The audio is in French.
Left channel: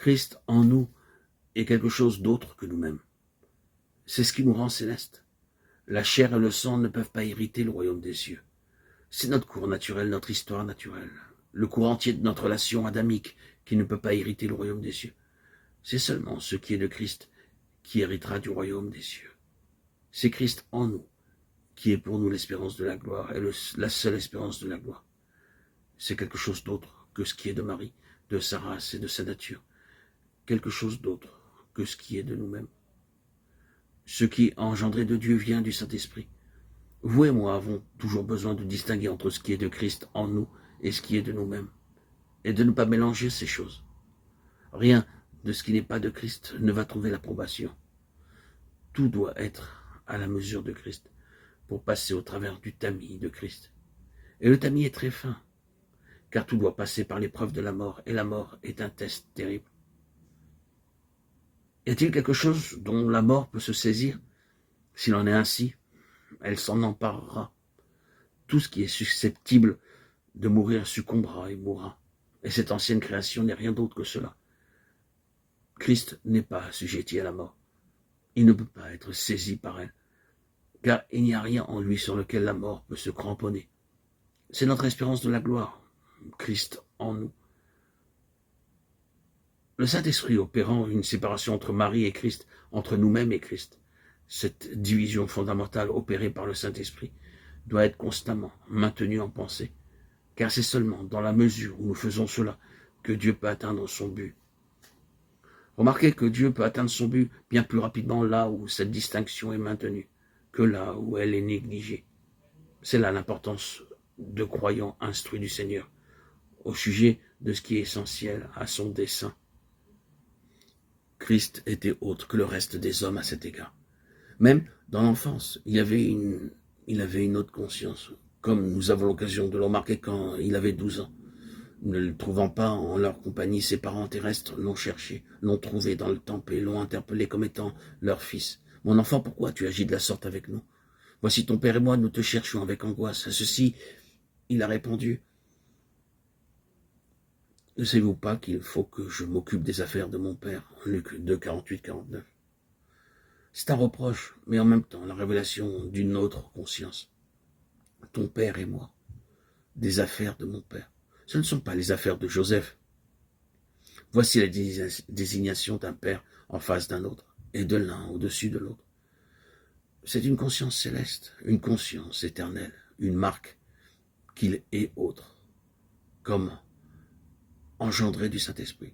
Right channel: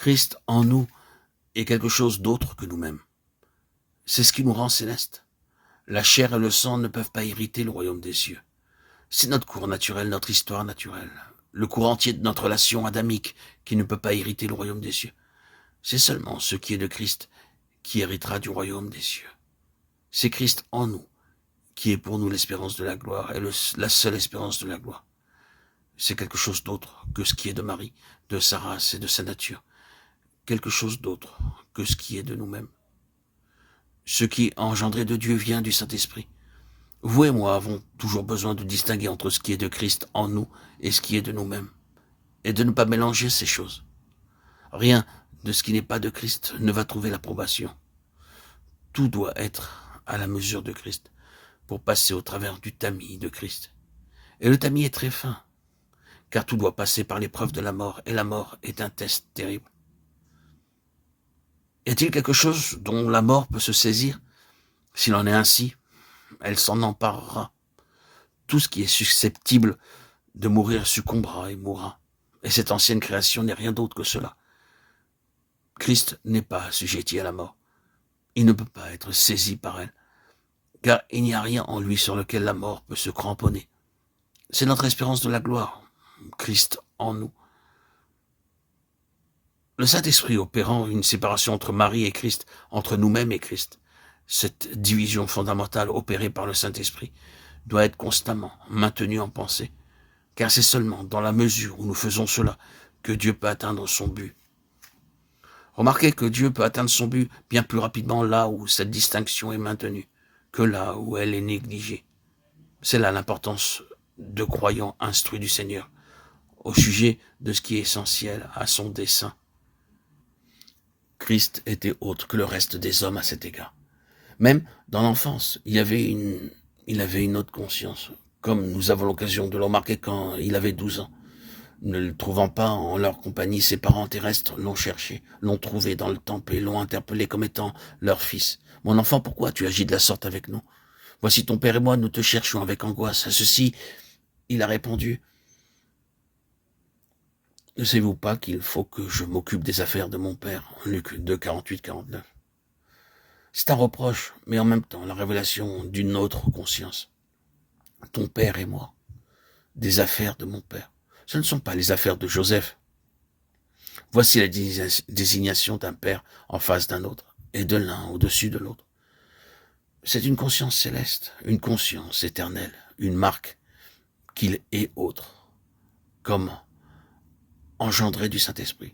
Christ en nous est quelque chose d'autre que nous-mêmes. C'est ce qui nous rend célestes. La chair et le sang ne peuvent pas hériter le royaume des cieux. C'est notre cours naturel, notre histoire naturelle, le cours entier de notre relation adamique qui ne peut pas hériter le royaume des cieux. C'est seulement ce qui est de Christ qui héritera du royaume des cieux. C'est Christ en nous qui est pour nous l'espérance de la gloire et la seule espérance de la gloire. C'est quelque chose d'autre que ce qui est de Marie, de sa race et de sa nature. Quelque chose d'autre que ce qui est de nous-mêmes. Ce qui est engendré de Dieu vient du Saint-Esprit. Vous et moi avons toujours besoin de distinguer entre ce qui est de Christ en nous et ce qui est de nous-mêmes, et de ne pas mélanger ces choses. Rien de ce qui n'est pas de Christ ne va trouver l'approbation. Tout doit être à la mesure de Christ pour passer au travers du tamis de Christ. Et le tamis est très fin, car tout doit passer par l'épreuve de la mort, et la mort est un test terrible. Y a-t-il quelque chose dont la mort peut se saisir? S'il en est ainsi, elle s'en emparera. Tout ce qui est susceptible de mourir succombera et mourra. Et cette ancienne création n'est rien d'autre que cela. Christ n'est pas assujetti à la mort. Il ne peut pas être saisi par elle, car il n'y a rien en lui sur lequel la mort peut se cramponner. C'est notre espérance de la gloire, Christ en nous. Le Saint-Esprit opérant une séparation entre Marie et Christ, entre nous-mêmes et Christ, cette division fondamentale opérée par le Saint-Esprit doit être constamment maintenue en pensée, car c'est seulement dans la mesure où nous faisons cela que Dieu peut atteindre son but. Remarquez que Dieu peut atteindre son but bien plus rapidement là où cette distinction est maintenue que là où elle est négligée. C'est là l'importance de croyants instruits du Seigneur au sujet de ce qui est essentiel à son dessein. Christ était autre que le reste des hommes à cet égard. Même dans l'enfance, il avait une autre conscience, comme nous avons l'occasion de le remarquer quand il avait 12 ans. Ne le trouvant pas en leur compagnie, ses parents terrestres l'ont cherché, l'ont trouvé dans le temple et l'ont interpellé comme étant leur fils. « Mon enfant, pourquoi tu agis de la sorte avec nous? Voici ton père et moi, nous te cherchions avec angoisse. » À ceci, il a répondu, « Ne savez-vous pas qu'il faut que je m'occupe des affaires de mon père ?» Luc 2, 48-49. C'est un reproche, mais en même temps la révélation d'une autre conscience. Ton père et moi, des affaires de mon père. Ce ne sont pas les affaires de Joseph. Voici la désignation d'un père en face d'un autre, et de l'un au-dessus de l'autre. C'est une conscience céleste, une conscience éternelle, une marque qu'il est autre, comme engendré du Saint-Esprit.